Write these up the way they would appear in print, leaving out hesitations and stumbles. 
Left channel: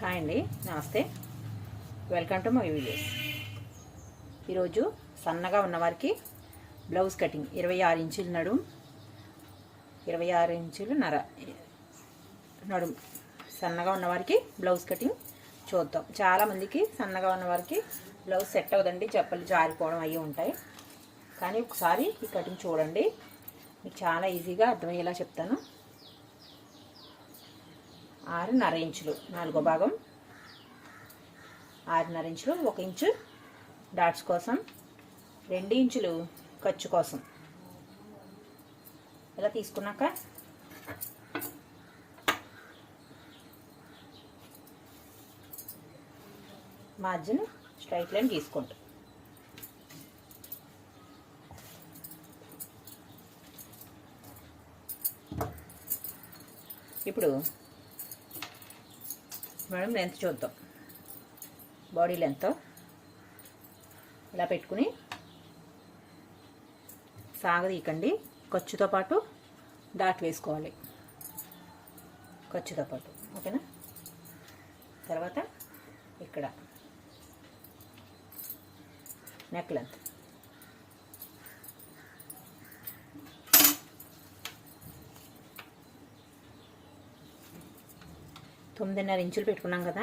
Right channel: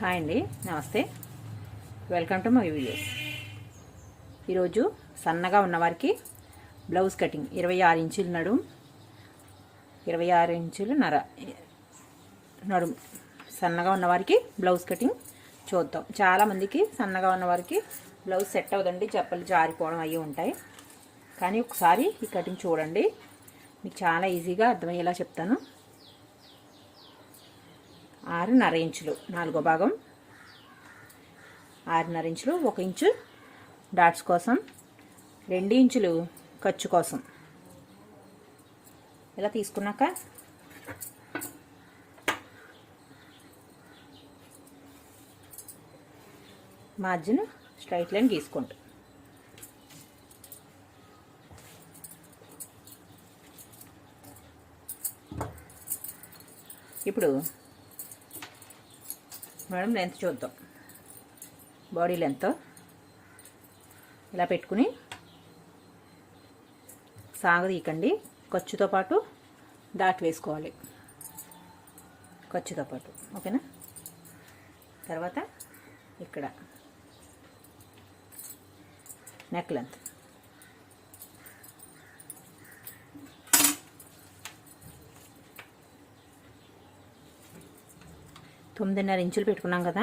Hi అండి, నమస్తే. Welcome to my videos. ఈరోజు సన్నగా ఉన్నవారికి బ్లౌజ్ కటింగ్ 26 ఇంచులు నడుము, 26 ఇంచులు నడుము సన్నగా ఉన్నవారికి బ్లౌజ్ కటింగ్ చూద్దాం. చాలామందికి సన్నగా ఉన్నవారికి బ్లౌజ్ సెట్ అవ్వదండి, చెప్పులు జారిపోవడం అవి ఉంటాయి. కానీ ఒకసారి ఈ కటింగ్ చూడండి, మీకు చాలా ఈజీగా అర్థమయ్యేలా చెప్తాను. 6.5 ఇంచులు నాలుగో భాగం, 6.5 ఇంచులు 1 ఇంచు డాట్స్ కోసం, 2 ఇంచులు ఖర్చు కోసం. ఇలా తీసుకున్నాక మార్జిన్ స్ట్రైట్ లైన్ గీసుకుంటాం. ఇప్పుడు మనం లెంత్ చూద్దాం. బాడీ లెంత్ ఇలా పెట్టుకుని సాగదీకండి. ఖర్చుతో పాటు డాట్ వేసుకోవాలి, ఖర్చుతో పాటు. ఓకేనా? తర్వాత ఇక్కడ నెక్ లెంత్ తొమ్మిదిన్నర ఇంచులు పెట్టుకున్నాం కదా.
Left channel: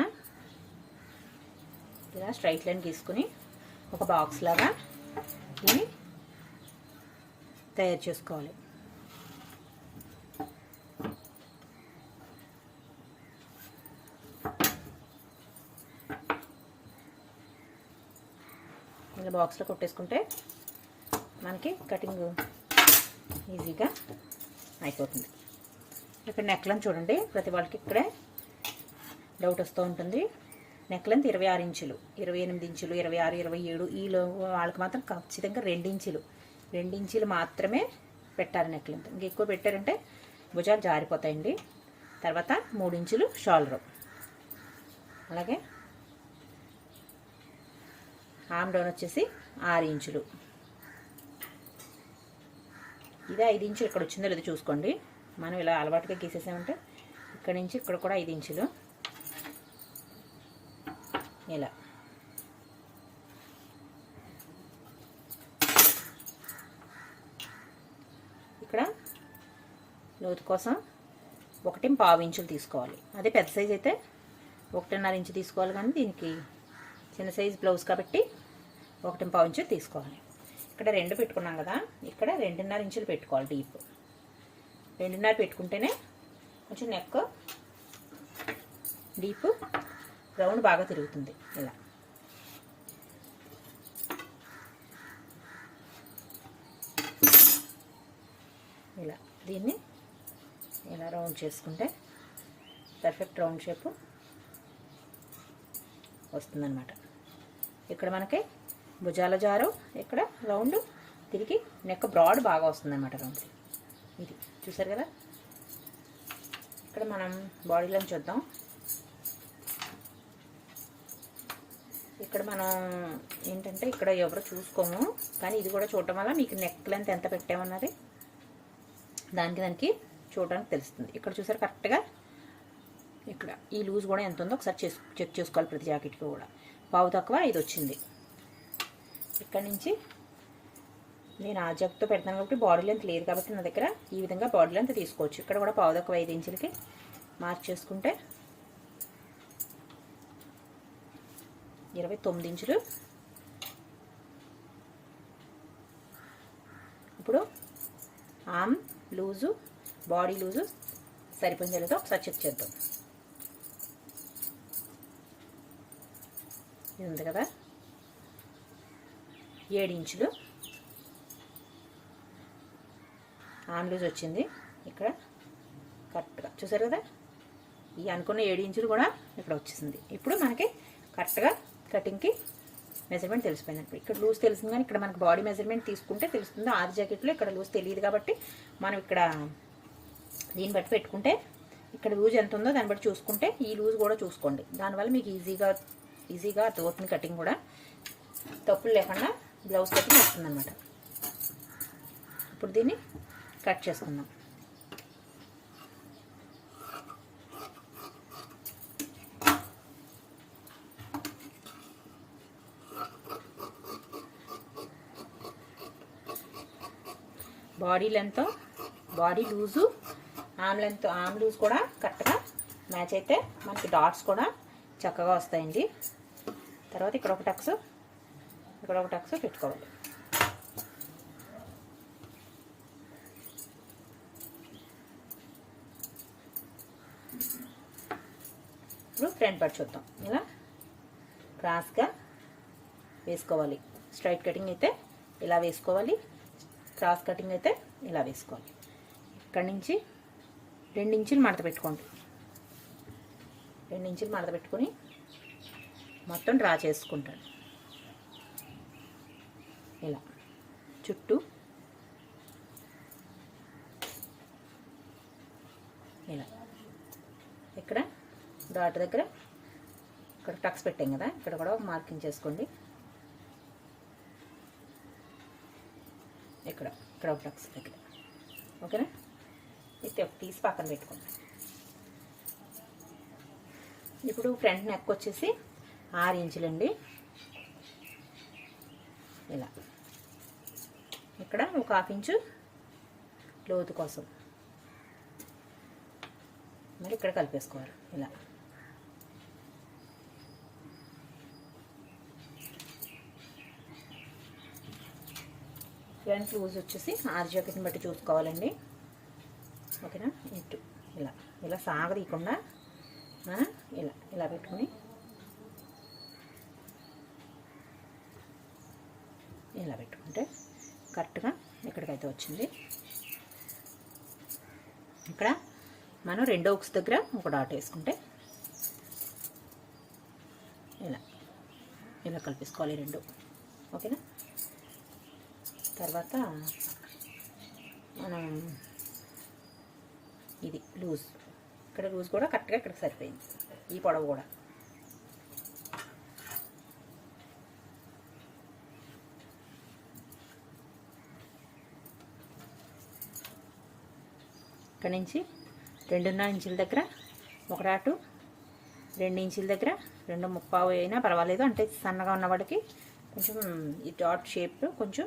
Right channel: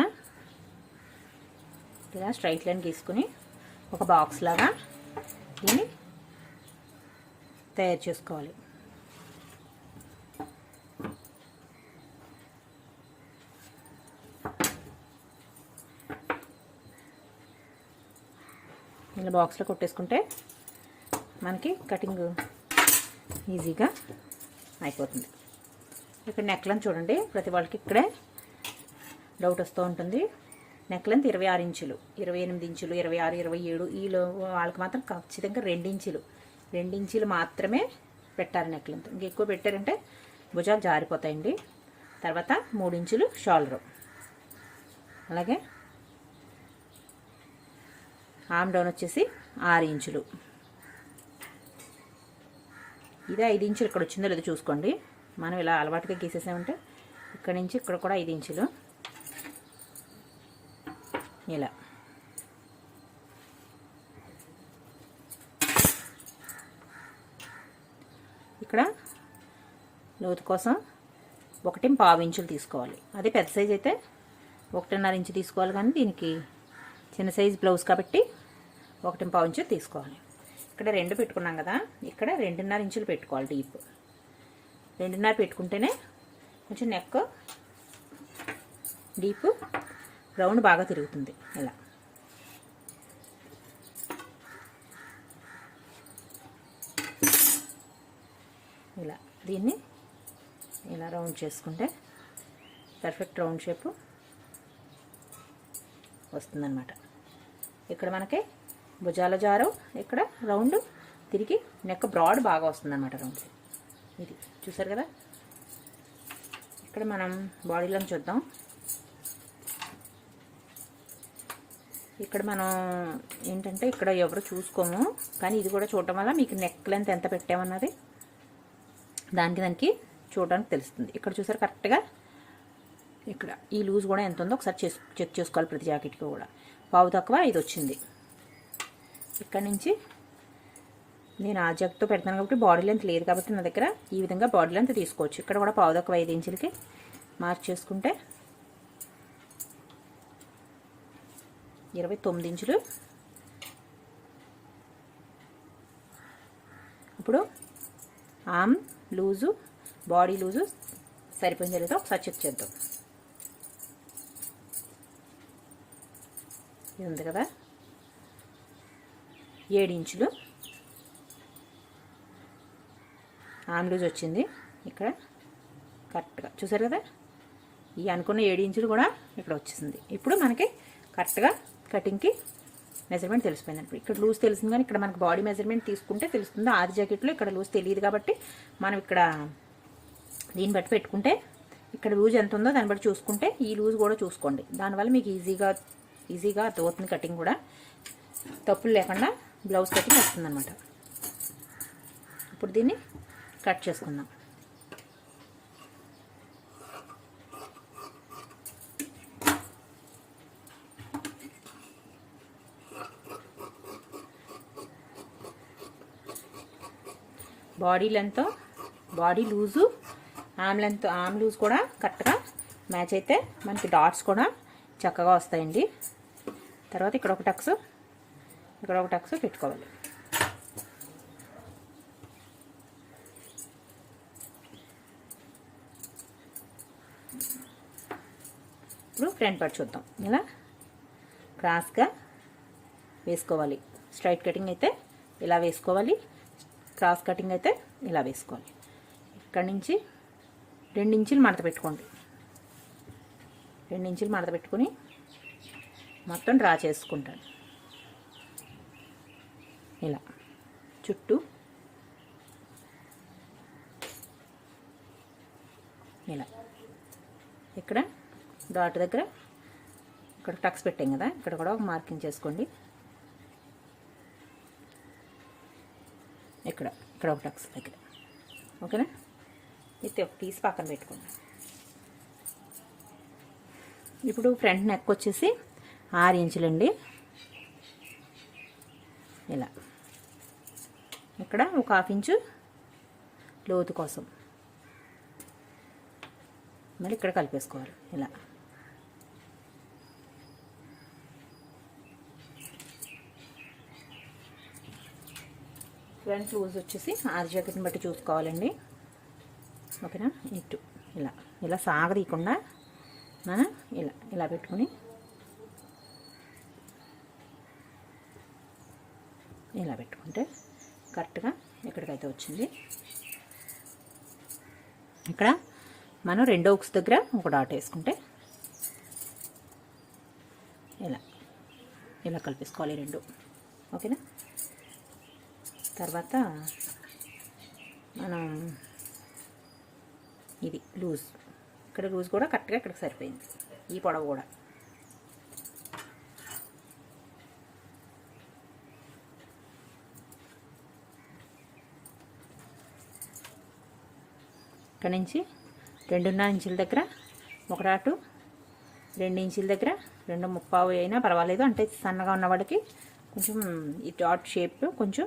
ఇలా స్ట్రైట్ లైన్ గీసుకుని ఒక బాక్స్ లాగా దీన్ని తయారు చేసుకోవాలి. ఇలా బాక్స్లో కొట్టేసుకుంటే మనకి కటింగ్ ఈజీగా అయిపోతుంది. ఇక్కడ నెక్ లెంత్ చూడండి, ప్రతి వాళ్ళకి ఇక్కడే డౌట్ వస్తూ ఉంటుంది. నెక్ లెంత్ 26 ఇంచులు, 28 ఇంచులు, 26, 27 ఈలో వాళ్ళకి మాత్రం ఖచ్చితంగా 2 ఇంచులు మాత్రమే పెట్టాలి నెక్ లెంత్. ఇంకెక్కువ పెట్టారంటే భుజాలు జారిపోతాయండి. తర్వాత 3 ఇంచులు షోల్డర్, అలాగే ఆర్మ్ డౌన్ వచ్చేసి 6 ఇంచులు. ఇదే 5 ఇంచులు ఇక్కడ వచ్చిందో లేదో చూసుకోండి. మనం ఇలా అలవాటుగా గీసేసామంటే ఇక్కడ నుంచి ఇక్కడ కూడా 5 ఇంచులు. ఇలా ఇక్కడ లోతు కోసం 1.5 ఇంచులు తీసుకోవాలి. అదే పెద్ద సైజ్ అయితే 1.5 ఇంచు తీసుకోవాలి, కానీ దీనికి చిన్న సైజ్ బ్లౌజ్ కాబట్టి 1.5 ఇంచులు తీసుకోవాలి. ఇక్కడ 2 పెట్టుకున్నాం కదా, ఇక్కడ 2.5 ఇంచులు పెట్టుకోవాలి. డీప్ 2.5 పెట్టుకుంటేనే కొంచెం నెక్ డీప్ రౌండ్ బాగా తిరుగుతుంది. ఇలా దీన్ని ఇలా రౌండ్ చేసుకుంటే పర్ఫెక్ట్ రౌండ్ షేప్ వస్తుందన్నమాట. ఇక్కడ మనకి భుజాల జారు, ఇక్కడ రౌండ్ తిరిగి నెక్ బ్రాడ్ బాగా వస్తుందన్నమాట. రౌండ్ ఇది చూసారు కదా. ఇక్కడ మనం బాడీలో చూద్దాం. ఇక్కడ మనం ఏంటంటే ఇక్కడ ఎవరు చూసుకోము, కానీ ఇది కూడా చూడటం వల్ల మీకు నెక్ లెంత్ ఎంత పెట్టామన్నది దానికి చూడడానికి తెలుస్తుంది. ఇక్కడ చూసారు కరెక్ట్గా ఇక్కడ ఈ లూజ్ కూడా ఎంత ఉందో ఒకసారి చెక్ చేసుకోవాలి. ప్రతి జాకెట్కి కూడా పావు తక్కువ 5 వచ్చింది. ఇక్కడ నుంచి నేను ఆ జగ్తో పెడతాను కాబట్టి బాడీ లెంత్ లేదు కాబట్టి నా దగ్గర ఈ విధంగా బాడీ లెంత్ తీసుకోవచ్చు. ఇక్కడ కూడా పావు తక్కువ 5 ఇంచులకి మార్క్ చేసుకుంటే 29 ఇంచులు. ఇప్పుడు ఆర్మ్ లూజు, బాడీ లూజు సరిపోయింది లేదో ఒకసారి చెక్ చేద్దాం. ఇది ఉంది కదా, 7 ఇంచులు ఆర్మ్ లూజ్ వచ్చింది. ఇక్కడ కరెక్ట్గా చూసారు కదా, ఈ అనుకున్న 7 ఇంచులు కూడా ఇక్కడ వచ్చేసింది. ఇప్పుడు మనకి కరెక్ట్గా కటింగ్కి మెజర్మెంట్ తెలిసిపోయింది. ఇక్కడ లూజ్ తెలిసింది, కానీ ఇక్కడ మనకి బాడీ మెజర్మెంట్ తీసుకుంటే తెలుస్తుంది. 6 జాకెట్లో ఇక్కడ లూజ్ తెలియదు కాబట్టి మనం ఇక్కడ దీన్ని బట్టి పెట్టుకుంటే ఇక్కడ లూజ్ ఎంత ఉందో దాన్ని బట్టి చూసుకుంటే ఈ లూజ్ కూడా చూసుకోండి. దానివల్ల మీకు ఈజీగా అర్థమవుతుంది. కటింగ్ కూడా తప్పులు లేకుండా బ్లౌజ్ కటింగ్ వస్తుంది అన్నమాట. ఇప్పుడు దీన్ని కట్ చేసుకుందాం. Body length, body loose, arm loose కూడా కరెక్ట్గా మ్యాచ్ అయితే మనకి డాట్స్ కూడా చక్కగా వస్తాయండి. తర్వాత ఇక్కడ ఒక టక్స్, ఇక్కడ ఒక టక్స్ పెట్టుకోవాలి. ఇప్పుడు ఫ్రంట్ పార్ట్ చూద్దాం. ఇలా క్రాస్గా వేసుకోవాలి. స్ట్రైట్ కటింగ్ అయితే ఇలా వేసుకోవాలి, క్రాస్ కటింగ్ అయితే ఇలా వేసుకోవాలి. ఇక్కడ నుంచి 2 ఇంచులు మడత పెట్టుకోండి. 2 ఇంచులు మడత పెట్టుకుని మొత్తం డ్రా చేసుకుంటాను. ఇలా చుట్టూ ఇలా ఇక్కడ డాట్ దగ్గర ఇక్కడ టక్స్ పెట్టాం కదా, ఇక్కడ కూడా ఒక మార్కింగ్ చేసుకోండి. ఇక్కడ ఒక టక్స్ దగ్గర. ఓకేనా? ఇది ఒక తీసి పక్కన పెట్టుకోండి. ఇప్పుడు ఫ్రంట్ నెక్ వచ్చేసి 6 ఇంచులండి. ఇలా ఇక్కడ ఒక 1/2 ఇంచు లోతు కోసం మరి ఇక్కడ కలిపేసుకోవాలి. ఇలా ఫ్రంట్ లూజ్ వచ్చేసి ఆర్ జాకెట్ని బట్టి చూసుకోవాలండి. ఓకేనా? ఇటు ఇలా సాగదీయకుండా మనం ఇలా పెట్టుకుని ఇలా పెట్టుకుంటే కరెక్ట్గా ఎక్కడికైతే వచ్చింది. ఇక్కడ మనం 2 హుక్స్ దగ్గర ఒక డాట్ వేసుకుంటే ఇలా కలిపేసుకోవాలి 2. ఓకేనా? తర్వాత మనం ఇది లూజ్, ఇక్కడ లూజ్ కూడా కరెక్ట్గా ఇక్కడికి సరిపోయింది. ఈ పొడవు కూడా ఇక్కడ నుంచి 2.5 ఇంచుల దగ్గర ఒక డాటు, 2 ఇంచుల దగ్గర 2.25 అయినా పర్వాలేదు. అంటే సన్నగా ఉన్నవాడికి కొంచెం ఈ డాట్ షేప్ కొంచెం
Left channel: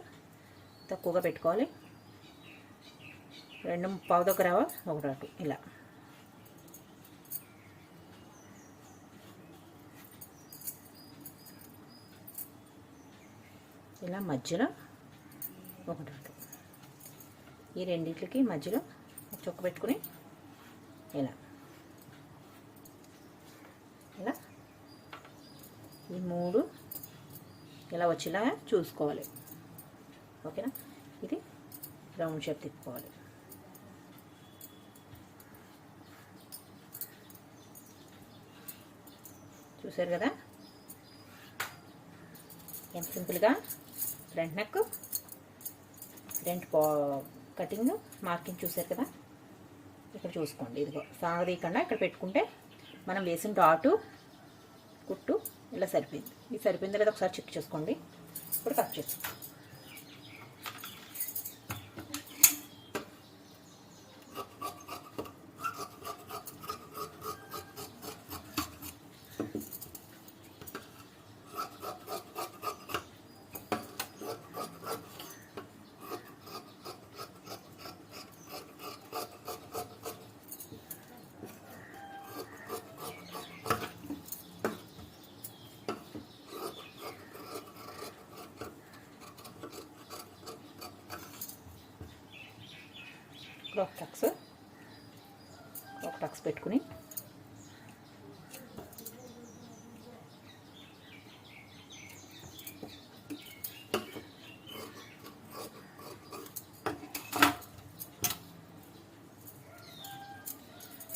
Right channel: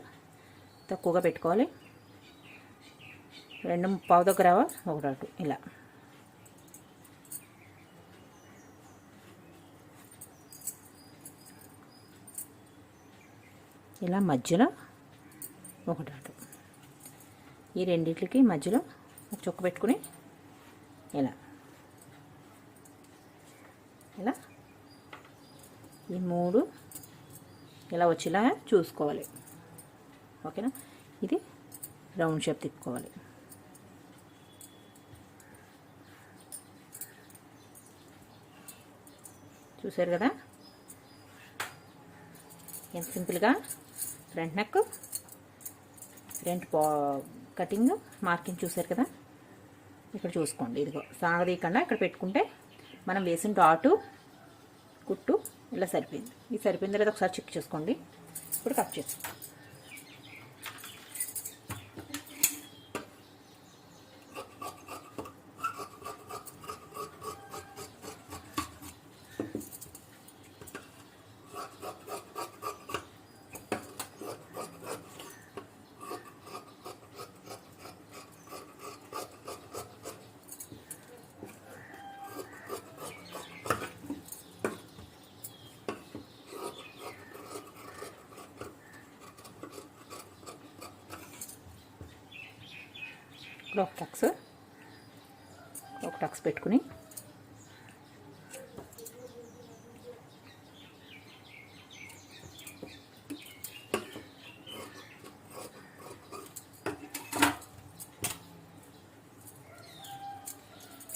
తక్కువగా పెట్టుకోవాలి. 2.25 దగ్గర ఒక డాటు ఇలా. ఇలా మధ్యలో ఒక డాటు, ఈ రెండింటికి మధ్యలో ఒక చుక్క పెట్టుకుని ఇలా ఈ 3 ఇలా వచ్చేలా చూసుకోవాలి. ఓకేనా? ఇది రౌండ్ షేప్ తిప్పుకోవాలి. చూసారు కదా ఎంత సింపుల్గా front neck, front cutting, marking చూసారు కదా. ఇక్కడ చూసుకోండి, ఇదిగో సాగదీయకుండా ఇక్కడ పెట్టుకుంటే మనం వేసిన డాటు కుట్టు ఇలా సరిపోయింది. ఇది సరిపోయిందో లేదా ఒకసారి చెక్ చేసుకోండి. ఇప్పుడు కట్ చేసుకోండి. ఒక టక్స్ పెట్టుకుని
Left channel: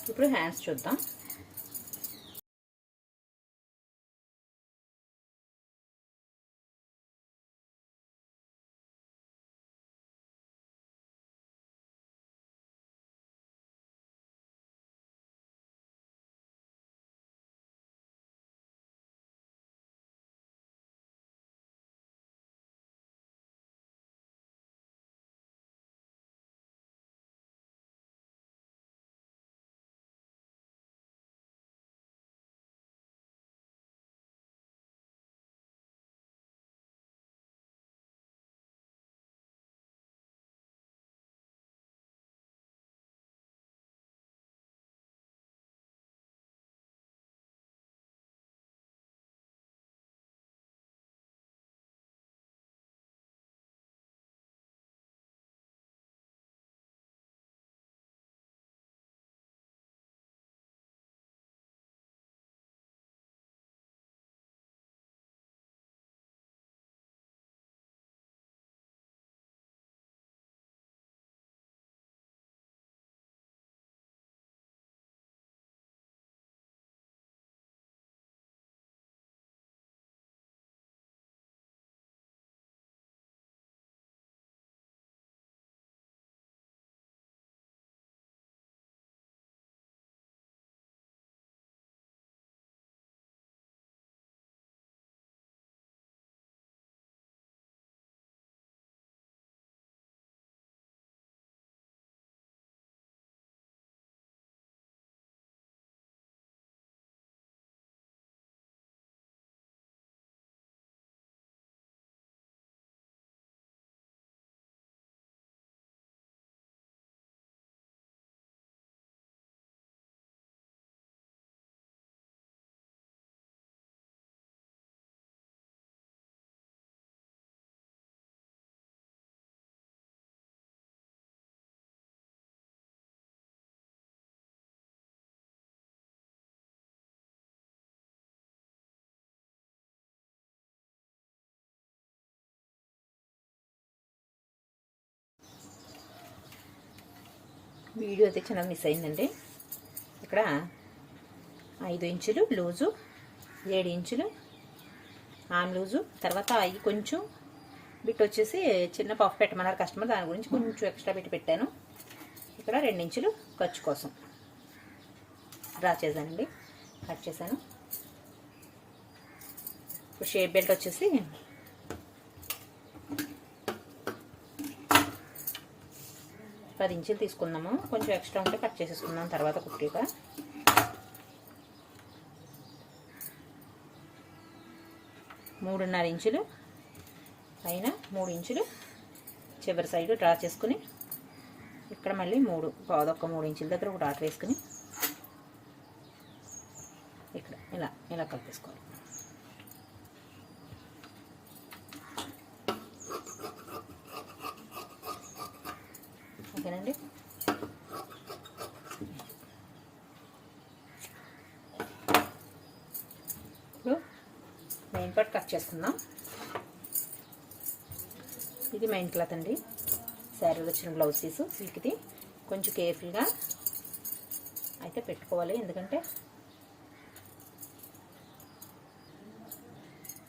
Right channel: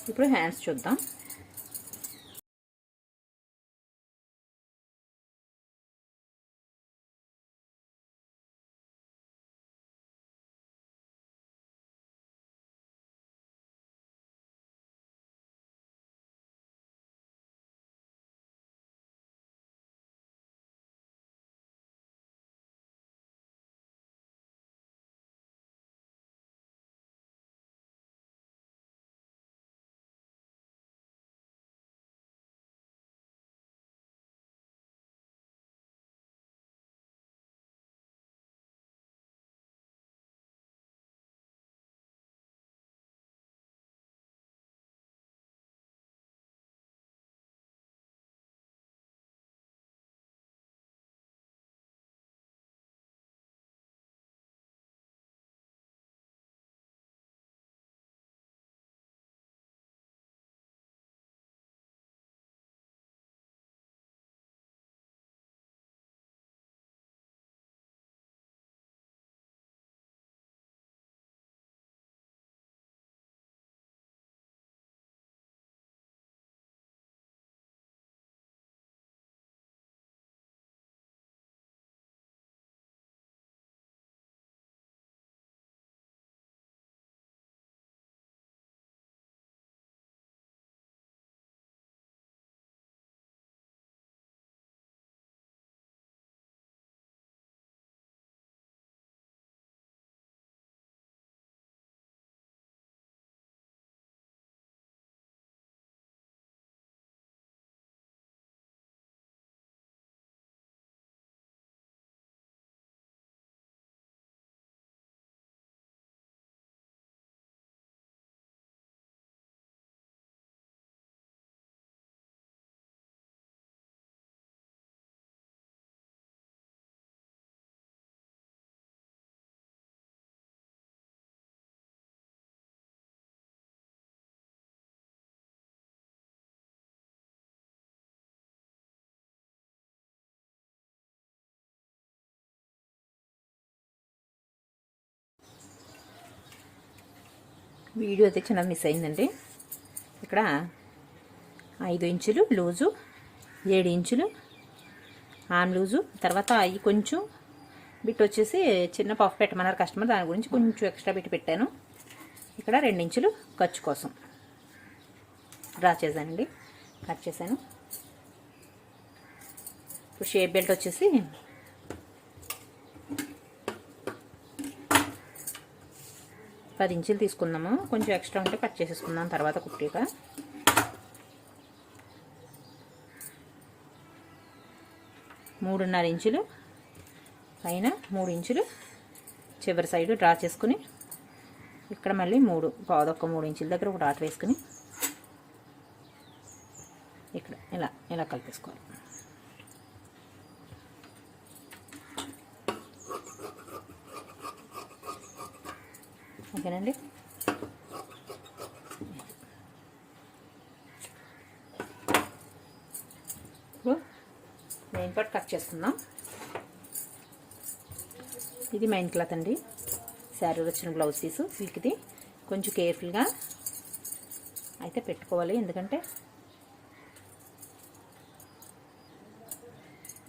ఇప్పుడు హ్యాండ్స్ చూద్దాం. వీడియో అయితే చిన్నది మిస్ అయిందండి. ఇక్కడ 5 ఇంచులు లూజు, 7 ఇంచులు ఆమ్ లూజు, తర్వాత అవి కొంచెం బిట్ వచ్చేసి చిన్న పఫ్ పెట్టమన్నారు కస్టమర్, దాని గురించి కొంచెం ఎక్స్ట్రా పెట్టాను. ఇక్కడ 2 ఇంచులు ఖర్చు కోసం డ్రా చేశానండి, కట్ చేశాను. ఇప్పుడు షేప్ బెల్ట్ వచ్చేసి 10 ఇంచులు తీసుకున్నాము, కొంచెం ఎక్స్ట్రా ఉంటే కట్ చేసేసుకుందాం తర్వాత కుట్టిగా. మూడున్నర ఇంచులు పైన, 3 ఇంచులు చివరి సైడు డ్రా చేసుకుని, ఇక్కడ మళ్ళీ 3 ఇంచుల దగ్గర ఒక డాట్ వేసుకుని ఇక్కడ ఇలా కలిపేసుకోవాలి. ఓకేనండి. ఇప్పుడు మెయిన్ పార్ట్ కట్ చేసుకుందాం. ఇది మెయిన్ క్లాత్ అండి, శారీలో వచ్చిన బ్లౌజ్ పీసు సిల్క్ది. కొంచెం కేర్ఫుల్గా అయితే పెట్టుకోవాలి, ఎందుకంటే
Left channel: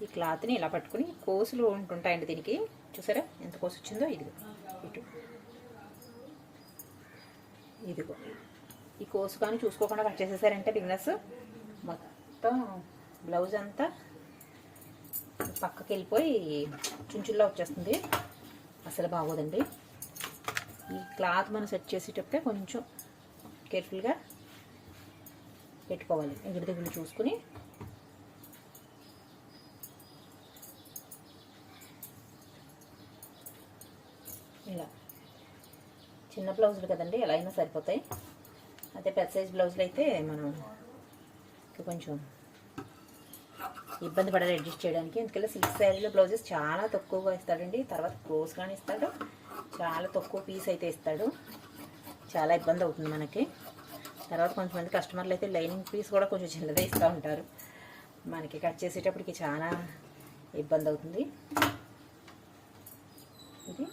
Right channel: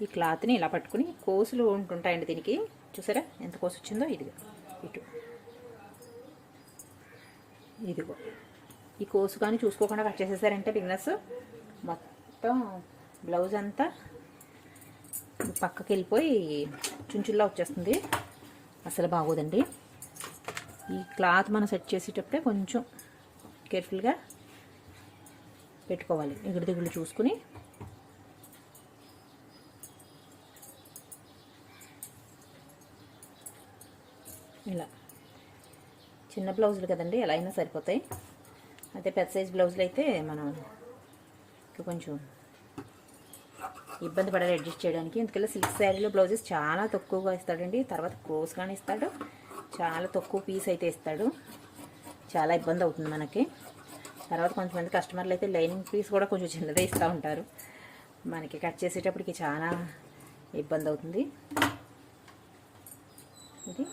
ఈ క్లాత్ని ఇలా పట్టుకుని కోసులు ఉంటుంటాయండి దీనికి. చూసారా ఎంత కోసు వచ్చిందో? ఇదిగో ఈ కోసు కానీ చూసుకోకుండా కట్ చేసేసారంటే బిగినర్స్ మొత్తం బ్లౌజ్ అంతా పక్కకి వెళ్ళిపోయి చుంచుల్లా వచ్చేస్తుంది, అసలు బాగోదండి. ఈ క్లాత్ మనం సెట్ చేసేటప్పుడే కొంచెం కేర్ఫుల్గా పెట్టుకోవాలి, ఎగుడు దిగులు చూసుకుని. ఇలా చిన్న బ్లౌజులు కదండి, ఎలా అయినా సరిపోతాయి. అదే పెద్ద సైజ్ బ్లౌజులు అయితే మనం కొంచెం ఇబ్బంది పడాలి అడ్జస్ట్ చేయడానికి. ఎందుకంటే సిల్క్ శారీలో బ్లౌజెస్ చాలా తక్కువగా ఇస్తాడండి, తర్వాత క్రోస్ కానీ ఇస్తాడు, చాలా తక్కువ పీస్ అయితే ఇస్తాడు, చాలా ఇబ్బంది అవుతుంది మనకి. తర్వాత కొంతమంది కస్టమర్లు అయితే లైనింగ్ పీస్ కూడా కొంచెం చిన్నదే ఇస్తూ ఉంటారు, మనకి కట్ చేసేటప్పటికి చాలా ఇబ్బంది అవుతుంది. ఇది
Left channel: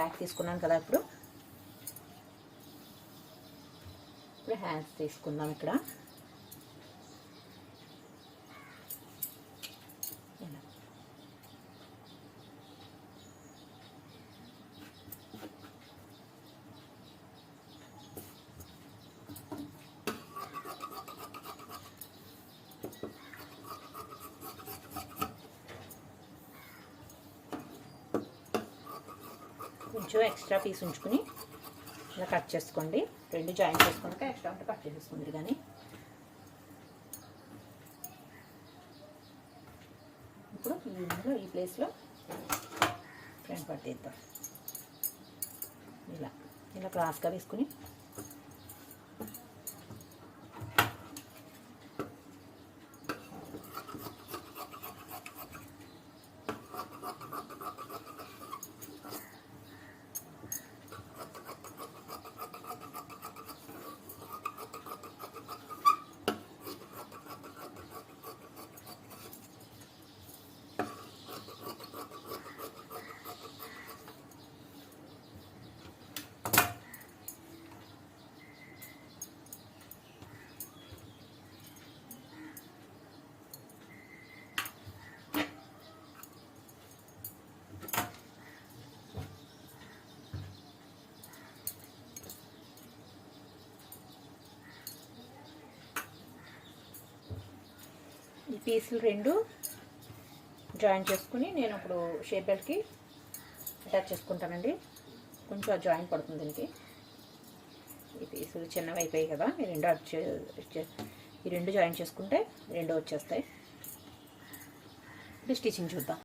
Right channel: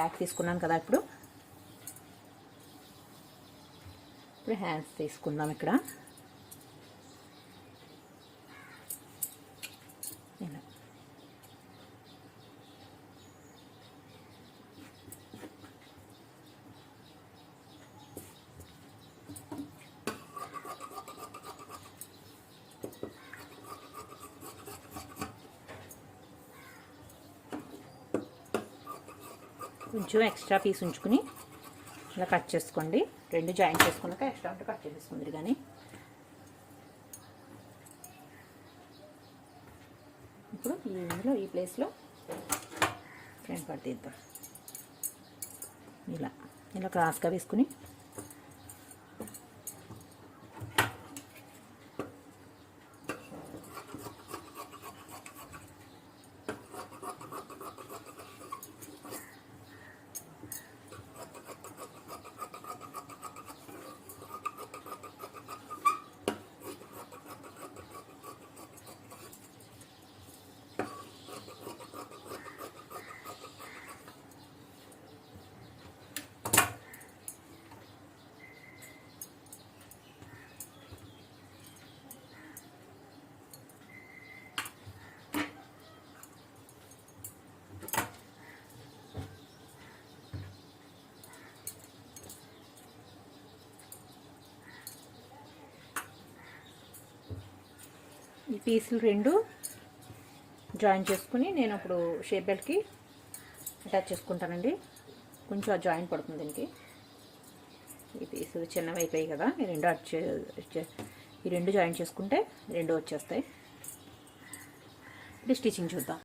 బ్యాక్ తీసుకున్నాను కదా, ఇప్పుడు హ్యాండ్స్ తీసుకుందాం. ఇక్కడ ఇలా కొంచెం ఎక్స్ట్రా పీస్ ఉంచుకుని ఇలా కట్ చేసుకోండి. 2 జాయిన్ చేసుకుంటే ఎక్స్ట్రా ఉంటే కట్ చేసేసుకుంది. కానీ ఇప్పుడు ఇందులో ఈ ప్లేస్లో ఫ్రంట్ పార్ట్ తీద్దాం. ఇలా క్రాస్గా వేసుకుని ఈ పీసులు 2 జాయిన్ చేసుకుని నేను ఇప్పుడు షేప్ బెల్ట్కి అటాచ్ చేసుకుంటానండి. కొంచెం ఆ జాయిన్ పడుతుంది దీనికి. ఈ పీసులు చిన్నవి అయిపోయాయి కదా, ఈ 2 జాయిన్ చేసుకుంటే 2 వచ్చేస్తాయి. ఇప్పుడు స్టిచ్చింగ్ చూద్దాం.